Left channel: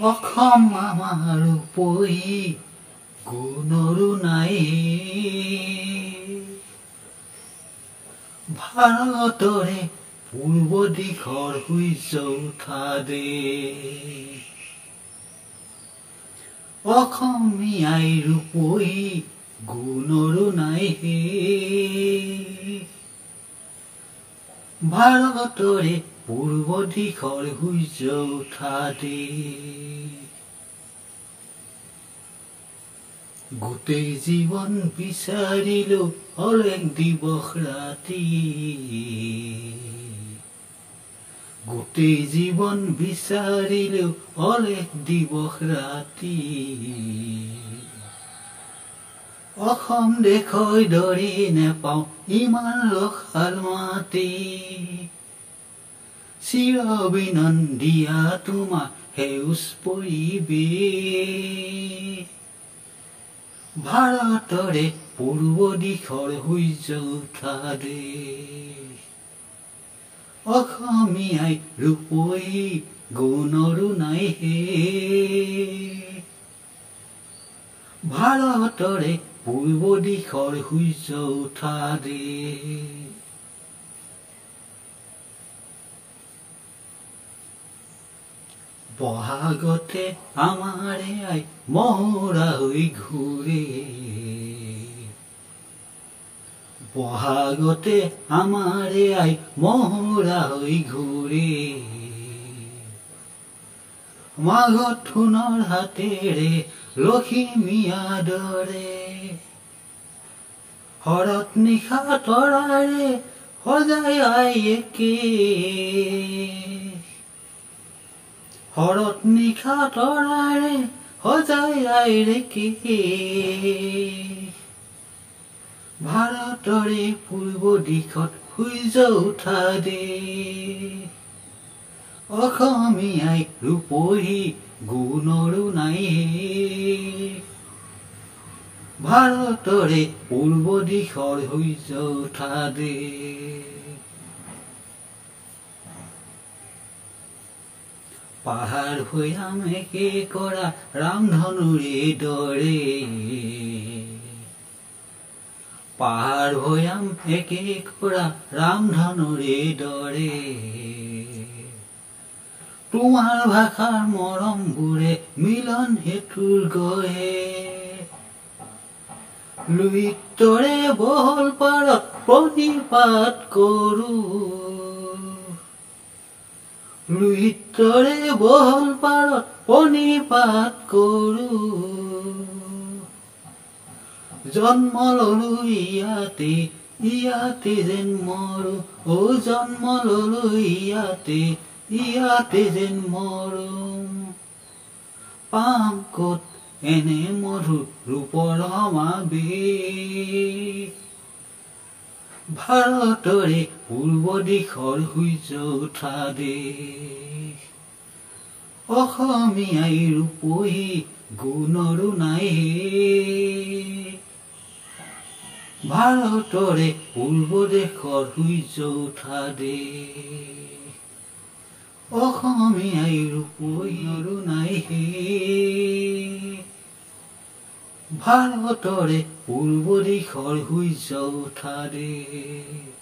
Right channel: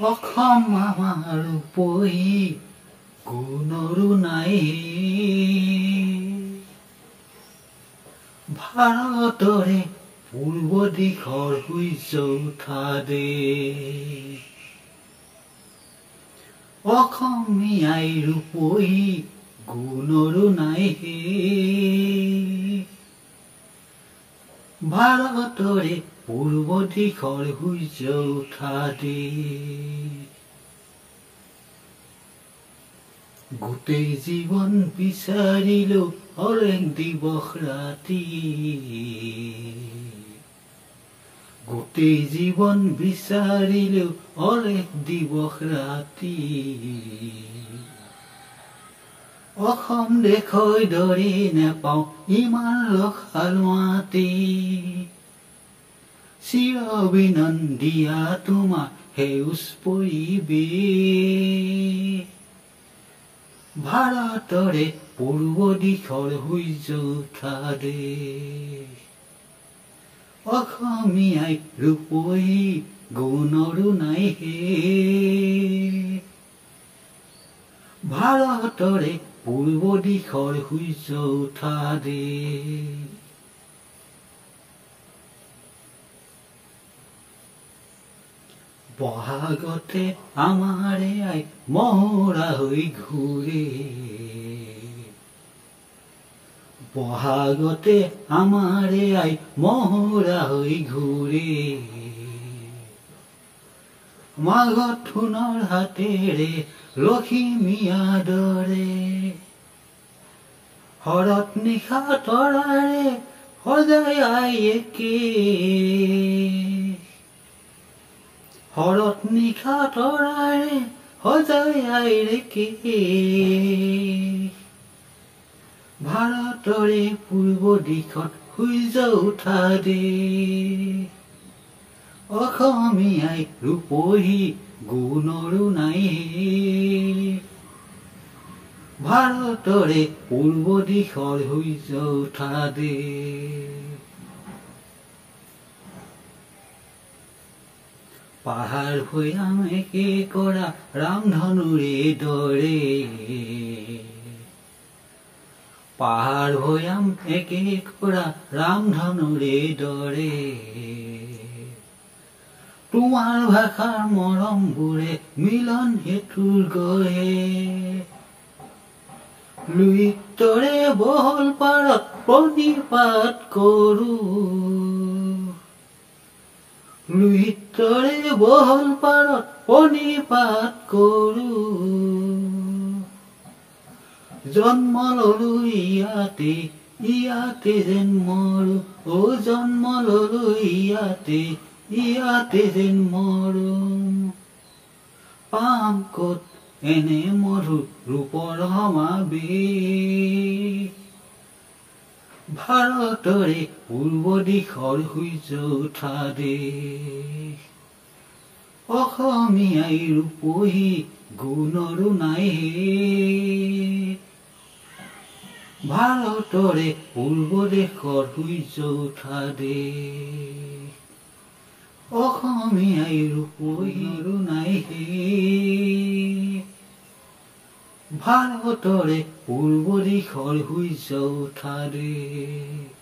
অসম আমাৰ উপৰি গুণৰো নাই ভাৰতৰে পূৰ্ব দিশৰ সূৰ্য উঠা দেশ অসমীয়াই ৰূপহী গুণৰো নাই ভাৰতৰে পূৰ্ব দিশৰ সূৰ্য উঠা দেশ গোটেই জীৱন বিচাৰিলো অলেখ দিৱস ৰাতি গোটেই জীৱন বিচাৰিলো অলেখ দিৱস ৰাতি অসম দেশৰ দৰে নেপাওঁ ইমান ৰসাল মাটি চিৰ অভিনন্দীয়া তোমাৰ সেউজ পৰিৱেশ ভাৰতৰে পূৰ্ব দিশৰ সূৰ্য উঠা দেশ অসমীয়াই ৰূপহী গুণৰো নাই ভাৰতৰে পূৰ্ব দিশৰ সূৰ্য উঠা দেশ বহাগতে আমাৰে আই মহুৰা হৈ ঘূৰে বহাগতে আমাৰে আই মহুৰা হৈ ঘূৰে মাঘত সোণৰ হাতেৰে লখিমীয়া দৰে শৰৎ নিশা তৰাৰে সজাই আই একে শৰৎ নিশা তৰাৰে সজাই আই ৰেকে ভাৰতৰে পূৰ্ব দিশত সূৰ্য উঠা দেশ অসমীয়াই ৰূপহী গুণৰো নাই ভাৰতৰে পূৰ্ব দিশৰ সূৰ্য উঠা দেশ পাহাৰ ভৈয়াম একে কৰা ৰামধনুৰে দৰে পাহাৰ ভৈয়াম একে কৰা ৰামধনুৰে দৰে তোমাৰ ভাষাৰ মৰমবোৰে মিলন হেতুৰ গঢ়ে লুইতৰে বহল পাৰত প্ৰণিপাত কৰোঁ লুইতৰে বহল পাৰত প্ৰণিপাত কৰোঁ জন্ম ললো ইয়াতে ইয়াতে যেন মৰো জন্ম ললো ইয়াতে যেন মৰো পাম ক'ত এনে মধুৰ ৰূপৰ সমাবেশ ভাৰতৰে পূৰ্ব দিশৰ সূৰ্য উঠা দেশ অসমীয়াই ৰূপহী গুণৰো নাই ভাৰতৰে পূৰ্ব দেশৰ সূৰ্য উঠা দেশ অসমীয়াই ৰূপহীৰো নাই ভাৰতৰে পূৰ্ব দিশৰ সূৰ্য উঠা দেশ